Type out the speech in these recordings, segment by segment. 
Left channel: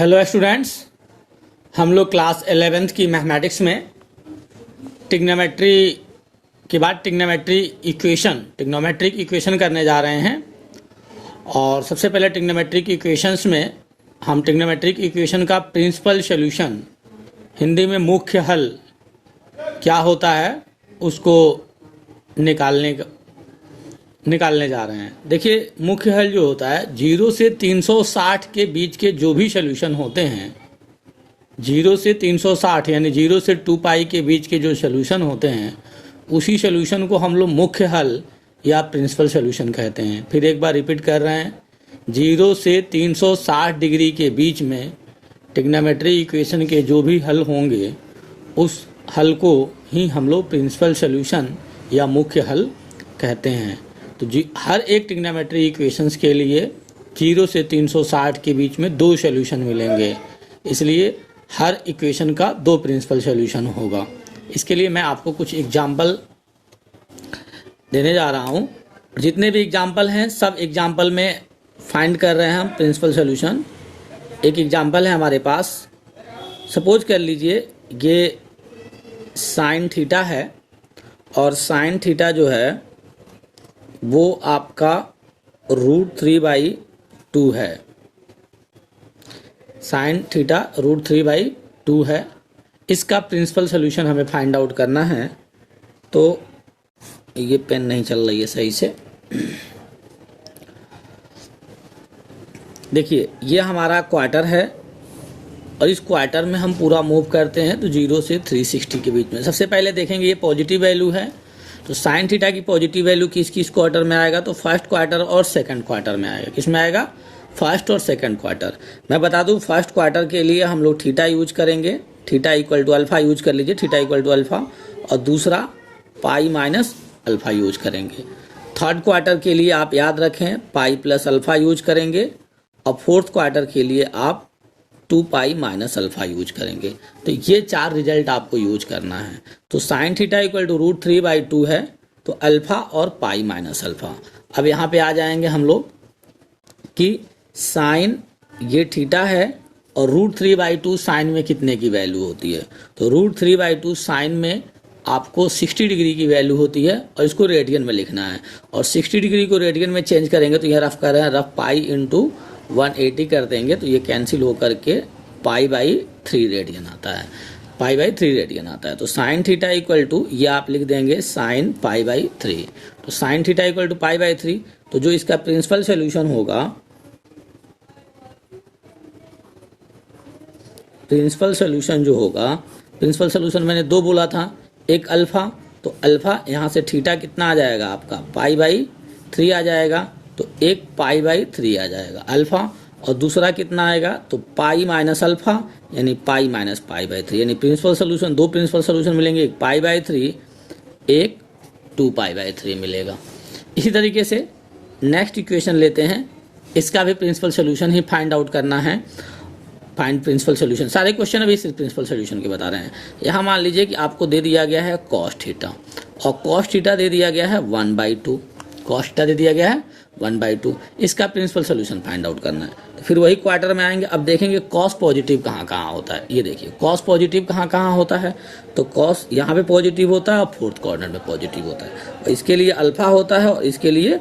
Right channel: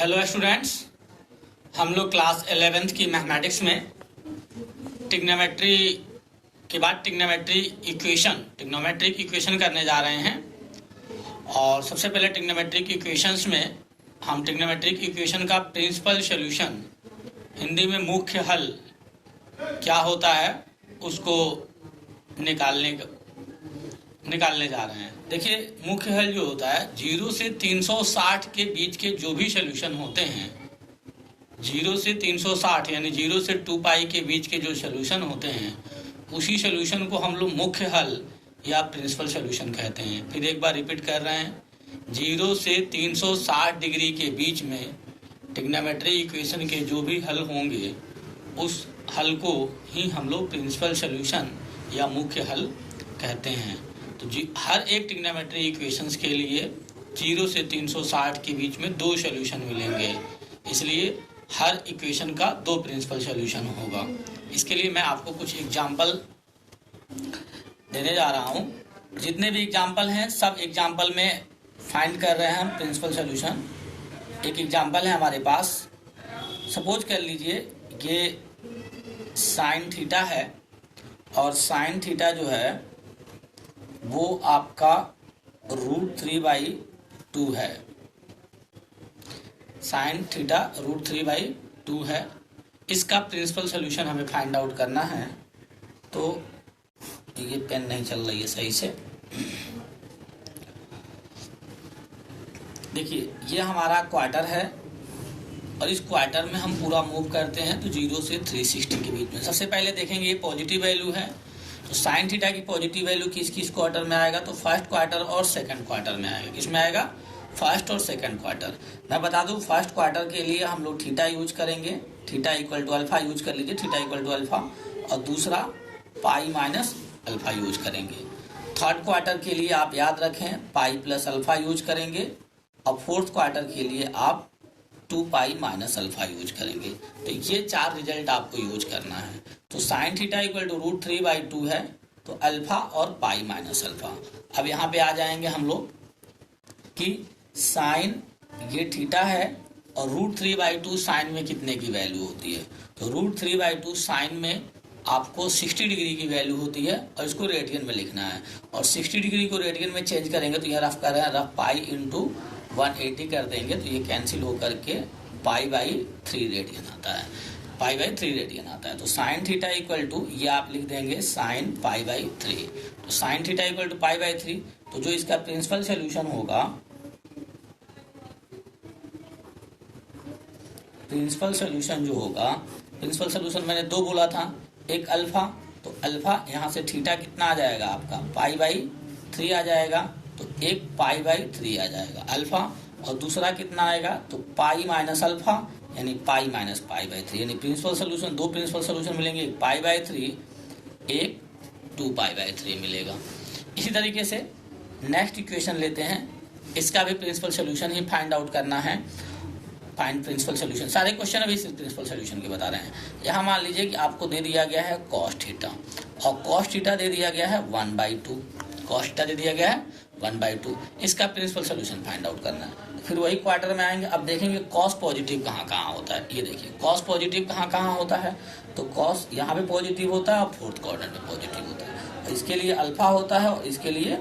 Hello students, हम लोग class 11th की मैथमेटिक्स में ट्रिग्नोमेट्री के बाद ट्रिग्नोमेट्रिक इक्वेशन करने जा रहे हैं। और सबसे पहले ट्रिग्नोमेट्रिक इक्वेशंस में हम ट्रिग्नोमेट्रिक इक्वेशन का प्रिंसिपल सॉल्यूशन, हिंदी में मुख्य हल क्या होता है, उसको निकालने जा रहे हैं। देखिए, मुख्य हल जो होता है 0 से 360 के बीच के जो भी सॉल्यूशन होते हैं, 0 से 360 यानी 0 से 2 पाई के बीच के जो सॉल्यूशन होते हैं, उसी सॉल्यूशन को हम लोग मुख्य हल या प्रिंसिपल सॉल्यूशन कहते हैं। फिर एक बार रिपीट कर रहे हैं, 0 से 360 डिग्री के बीच में ट्रिग्नोमेट्री इक्वेशन के जो भी हल होंगे, उस हल को ही हम लोग प्रिंसिपल सॉल्यूशन या मुख्य हल कहते हैं। तो हर एक ट्रिग्नोमेट्री इक्वेशंस के लिए 0 से 360 के बीच में 2 सॉल्यूशन मिलेंगे, इसलिए हर इक्वेशन का 2 प्रिंसिपल सॉल्यूशन होगा। इसके लिए मैं आपको कुछ एग्जाम्पल देने जा रहा हूँ। जितने भी एग्जाम्पल हैं, सब एग्जाम्पल में फाइंड कर रहे हैं हम प्रिंसिपल सॉल्यूशन। एक एग्जाम्पल है हमारे पास, सपोज कर लीजिए ये साइन थीटा है और साइन थीटा जो है वो आपका √3/2 है। साइन थीटा √3/2 है। इसका प्रिंसिपल सॉल्यूशन हमें फाइंड आउट करना है। तो ये पेन नहीं चल रही है सही से। देखिए, ये हमारा क्वार्टर है और इस क्वार्टर में हम पूरा मूव करते हैं तो 0 से 360 के बीच में। सबसे पहले देखेंगे ये पॉजिटिव वैल्यू है, तो साइन थीटा की पॉजिटिव वैल्यू किस किस क्वार्टर में आएगा, तो फर्स्ट क्वार्टर और सेकंड क्वार्टर में आएगा। किस में आएगा? फर्स्ट और सेकंड क्वार्टर। मैं बता दूं, फर्स्ट क्वार्टर के लिए हम लोग थीटा यूज करेंगे, theta equal to alpha use कर लीजिए, थीटा इक्वल टू अल्फा, और दूसरा पाई माइनस अल्फा यूज करेंगे। थर्ड क्वार्टर के लिए आप याद रखें पाई प्लस अल्फा यूज करेंगे, और फोर्थ क्वार्टर के लिए आप 2 पाई माइनस अल्फा यूज करेंगे। तो ये 4 रिजल्ट आपको यूज करना है। तो साइन थीटा इक्वल टू √3/2 है, तो अल्फा और पाई माइनस अल्फा। अब यहाँ पे आ जाएंगे हम लोग कि साइन ये थीटा है और √3/2 साइन में कितने की वैल्यू होती है, तो √3/2 साइन में आपको 60 डिग्री की वैल्यू होती है और इसको रेडियन में लिखना है। और 60 डिग्री को रेडियन में चेंज करेंगे तो यह रफ कर रहे हैं, रफ पाई इंटू 180 कर देंगे तो ये कैंसिल होकर के π/3 रेडियन आता है, π/3 रेडियन आता है। तो साइन थीटा इक्वल टू ये आप लिख देंगे साइन π/3। तो साइन थीटा इक्वल टू π/3, तो जो इसका प्रिंसिपल सॉल्यूशन होगा, प्रिंसिपल सॉल्यूशन जो होगा, प्रिंसिपल सॉल्यूशन मैंने 2 बोला था, एक अल्फा, तो अल्फा यहाँ से थीटा कितना आ जाएगा आपका π/3 आ जाएगा, तो एक π/3 आ जाएगा अल्फा, और दूसरा कितना आएगा, तो पाई माइनस अल्फा यानी पाई माइनस π/3। यानी प्रिंसिपल सॉल्यूशन 2 प्रिंसिपल सॉल्यूशन मिलेंगे, एक π/3, एक 2 π/3 मिलेगा। इसी तरीके से नेक्स्ट इक्वेशन लेते हैं, इसका भी प्रिंसिपल सॉल्यूशन ही फाइंड आउट करना है। फाइंड प्रिंसिपल सॉल्यूशन, सारे क्वेश्चन अभी सिर्फ प्रिंसिपल सॉल्यूशन के बता रहे हैं। यहाँ मान लीजिए कि आपको दे दिया गया है कॉस थीटा, और कॉस थीटा दे दिया गया है 1/2, कॉस थीटा दे दिया गया है 1/2। इसका प्रिंसिपल सॉल्यूशन फाइंड आउट करना है। तो फिर वही क्वार्टर में आएंगे। अब देखेंगे कॉस पॉजिटिव कहाँ कहाँ होता है। ये देखिए कॉस पॉजिटिव कहाँ कहाँ होता है, तो कॉस यहाँ पे पॉजिटिव होता है और फोर्थ क्वाड्रेंट में पॉजिटिव होता है, और इसके लिए अल्फा होता है और इसके लिए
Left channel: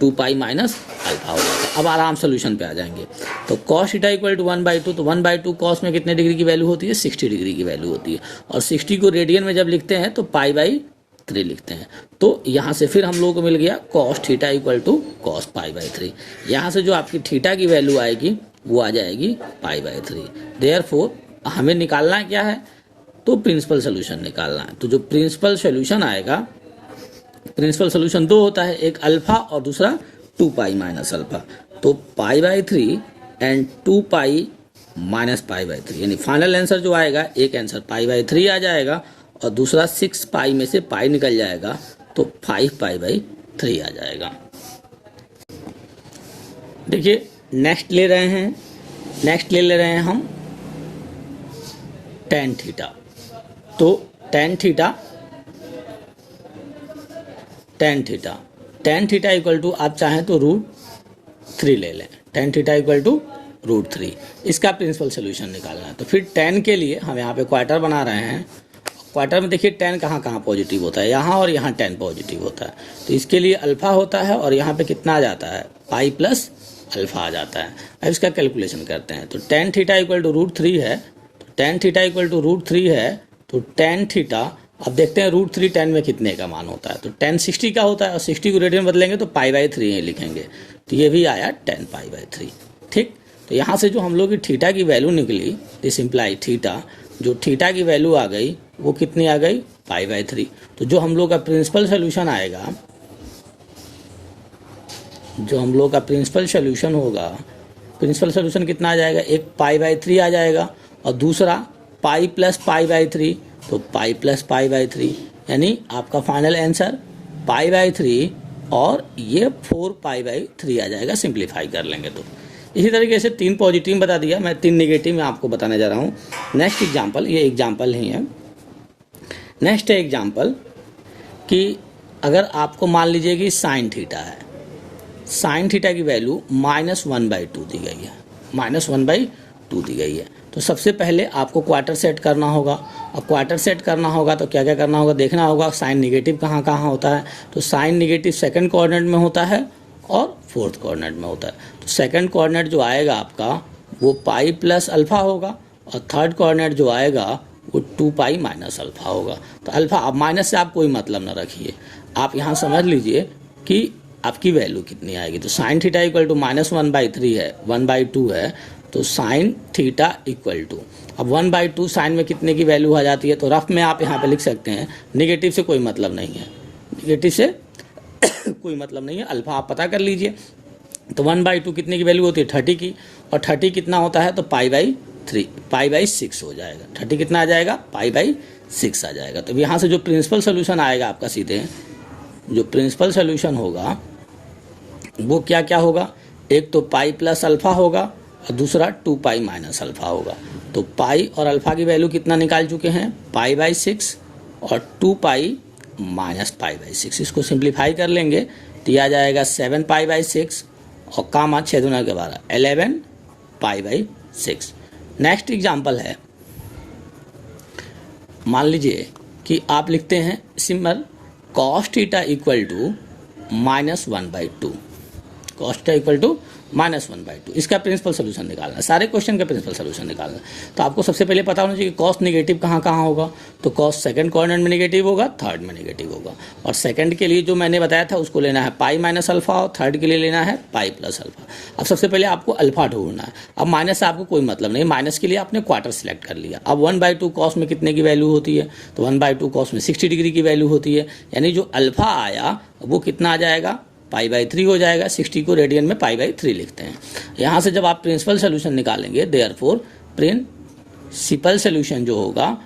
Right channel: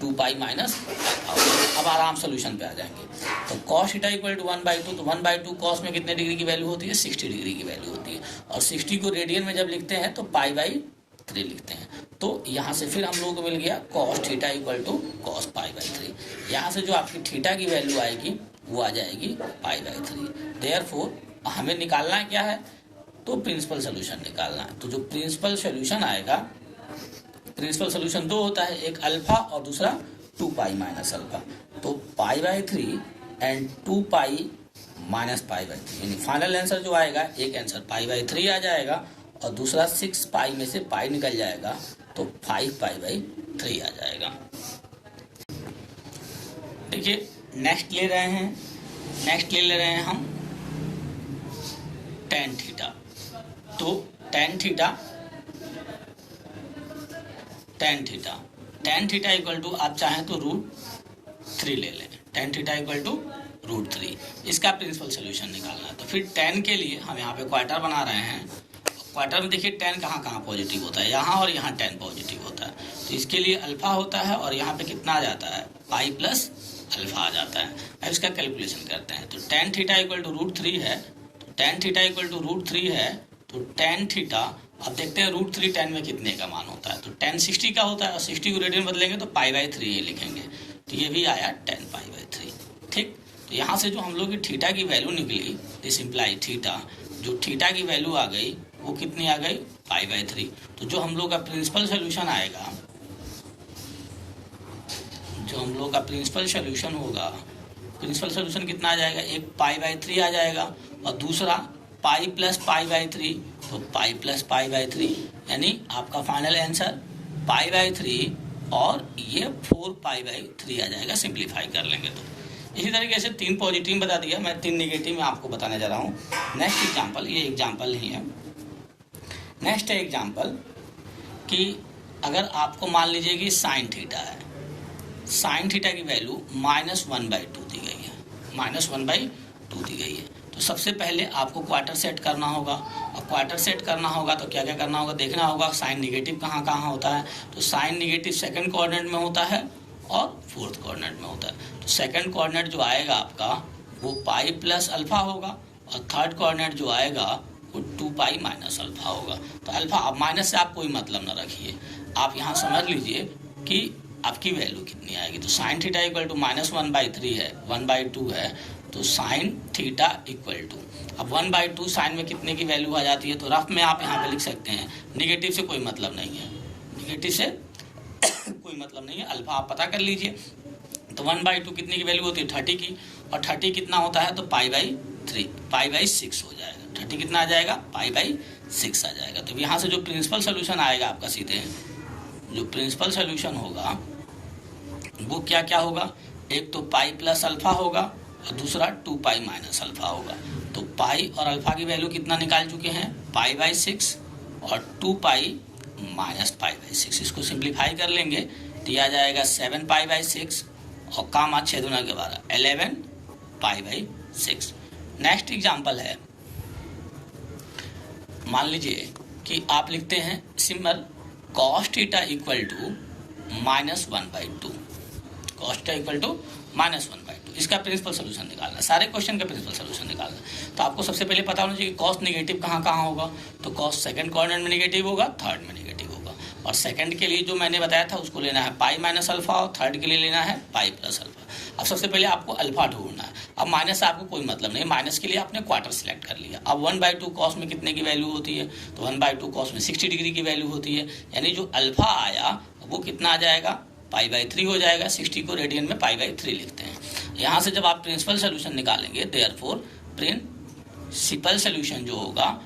2 पाई माइनस अल्फा होता है। अब आराम सोल्यूशन पे आ जाएंगे। तो कॉस थीटा इक्वल टू 1/2, तो 1/2 कॉस में कितने डिग्री की वैल्यू होती है, 60 डिग्री की वैल्यू होती है, और 60 को रेडियन में जब लिखते हैं तो π/3 लिखते हैं। तो यहाँ से फिर हम लोगों को मिल गया cos theta equal to cos π/3। यहाँ से जो आपकी थीटा की वैल्यू आएगी वो आ जाएगी π/3। देयरफॉर हमें निकालना क्या है, तो प्रिंसिपल सोल्यूशन निकालना है। तो जो प्रिंसिपल सोल्यूशन आएगा, प्रिंसिपल सोल्यूशन 2 होता है, एक अल्फा और दूसरा 2 पाई माइनस अल्फा। तो π/3 एंड 2 पाई माइनस π/3, यानी फाइनल आंसर जो आएगा, एक आंसर π/3 आ जाएगा और दूसरा 6 पाई में से पाई निकल जाएगा, तो 5 π/3 आ जाएगा। देखिए नेक्स्ट ले रहे हैं, नेक्स्ट ले रहे हैं हम tan थीटा। तो tan थीटा इक्वल टू आप चाहें तो √3 ले लें, tan थीटा इक्वल टू √3। इसका प्रिंसिपल सोल्यूशन निकालना है। तो फिर tan के लिए हम यहाँ पे क्वार्टर बना रहे हैं। क्वार्टर में देखिए tan कहाँ कहाँ पॉजिटिव होता है, यहाँ और यहाँ tan पॉजिटिव होता है। तो इसके लिए अल्फा होता है और यहाँ पे कितना आ जाता है, पाई प्लस अल्फा आ जाता है। अब इसका कैलकुलेशन करते हैं। तो tan थीटा इक्वल टू √3 है, tan थीटा इक्वल टू √3 है। तो tan थीटा, अब देखते हैं √3 tan में कितने का मान होता है। तो tan 60 का होता है और 60 को रेडियन बदलेंगे तो π/3 लिखेंगे। तो ये भी आया tan π/3। ठीक, तो यहाँ से जो हम लोग की थीटा की वैल्यू निकली, दिस इम्प्लाई थीटा, जो थीटा की वैल्यू आ गई वो कितनी आ गई, π/3। तो जो हम लोग का प्रिंसिपल सोल्यूशन आएगा, जो हम लोग का प्रिंसिपल सोल्यूशन होगा, प्रिंसिपल सोल्यूशन कितना आ जाएगा, एक π/3 आ जाएगा और दूसरा पाई प्लस π/3, तो पाई प्लस π/3, यानी आपका फाइनल आंसर π/3 और ये 4π/3 आ जाएगा। सिंप्लीफाई कर लेंगे तो इसी तरीके से 3 पॉजिटिव बता दिया, मैं 3 नेगेटिव में आपको बताने जा रहा हूँ। नेक्स्ट एग्जाम्पल, ये एग्जाम्पल ही है। नेक्स्ट है एग्जाम्पल कि अगर आपको मान लीजिए कि साइन थीटा है, साइन थीटा की वैल्यू -1/2 दी गई है, -1/2 दी गई है। तो सबसे पहले आपको क्वार्टर सेट करना होगा, और क्वार्टर सेट करना होगा तो क्या क्या करना होगा, देखना होगा साइन निगेटिव कहाँ कहाँ होता है। तो साइन निगेटिव सेकंड कोऑर्डिनेट में होता है और फोर्थ कोऑर्डिनेट में होता है। तो सेकंड कोऑर्डिनेट जो आएगा आपका वो पाई प्लस अल्फा होगा और थर्ड कोऑर्डिनेट जो आएगा वो 2π माइनस अल्फा होगा। तो अल्फा, अब माइनस से आप कोई मतलब न रखिए, आप यहाँ समझ लीजिए कि आपकी वैल्यू कितनी आएगी। तो साइन थीटा इक्वल टू -1/3 है, 1/2 है। तो साइन थीटा इक्वल टू, अब 1/2 साइन में कितने की वैल्यू आ जाती है, तो रफ में आप यहाँ पे लिख सकते हैं, निगेटिव से कोई मतलब नहीं है, निगेटिव से कोई मतलब नहीं है, अल्फा आप पता कर लीजिए। तो 1/2 कितने की वैल्यू होती है, 30 की, और 30 कितना होता है, तो π/3, π/6 हो जाएगा। 30 कितना आ जाएगा, π/6 आ जाएगा। तो यहाँ से जो प्रिंसिपल सोल्यूशन आएगा आपका, सीधे जो प्रिंसिपल सोल्यूशन होगा वो क्या क्या होगा, एक तो पाई प्लस अल्फा होगा और दूसरा 2π माइनस अल्फा होगा। तो पाई और अल्फा की वैल्यू कितना निकाल चुके हैं, π/6 और 2π माइनस π/6। इसको सिंप्लीफाई कर लेंगे तो यह आ जाएगा 7π/6 और कामा 6 दूना के 12, 11π/6। नेक्स्ट एग्जाम्पल है, मान लीजिए कि आप लिखते हैं simple cos theta equal to -1/2, cos theta equal to -1/2। इसका प्रिंसिपल सोल्यूशन निकालना है, सारे क्वेश्चन का प्रिंसिपल सोल्यूशन निकालना है। तो आपको सबसे पहले पता होना चाहिए कि cos निगेटिव कहाँ कहाँ होगा। तो cos सेकंड कोऑर्डिनेट में निगेटिव होगा, थर्ड में निगेटिव होगा, और सेकंड के लिए जो मैंने बताया था उसको लेना है पाई माइनस अल्फा और थर्ड के लिए लेना है पाई प्लस अल्फा। अब सबसे पहले आपको अल्फा ढूंढना है। अब माइनस से आपको कोई मतलब नहीं, माइनस के लिए आपने क्वार्टर सिलेक्ट कर लिया। अब 1/2 cos में कितने की वैल्यू होती है, तो 1/2 cos में 60 डिग्री की वैल्यू होती है, यानी जो अल्फा आया वो कितना आ जाएगा, π/3 हो जाएगा। 60 को रेडियन में π/3 लिखते हैं। यहाँ से जब आप प्रिंसिपल सोल्यूशन निकालेंगे, देयरफॉर प्रिंसिपल सोल्यूशन जो होगा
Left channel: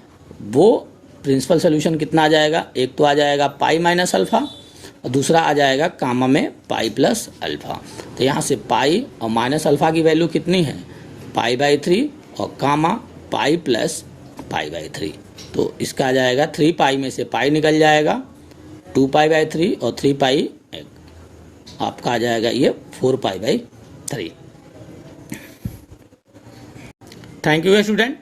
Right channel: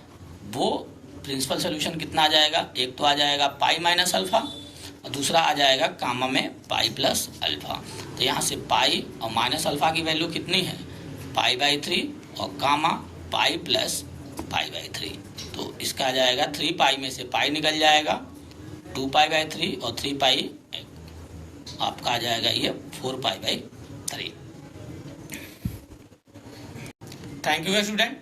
वो प्रिंसिपल सोल्यूशन कितना आ जाएगा, एक तो आ जाएगा पाई माइनस अल्फा और दूसरा आ जाएगा कामा में पाई प्लस अल्फा। तो यहाँ से पाई और माइनस अल्फा की वैल्यू कितनी है, π/3 और कामा पाई प्लस π/3। तो इसका आ जाएगा 3π में से पाई निकल जाएगा, 2π/3 और 3π आपका आ जाएगा ये 4π/3। Thank you student.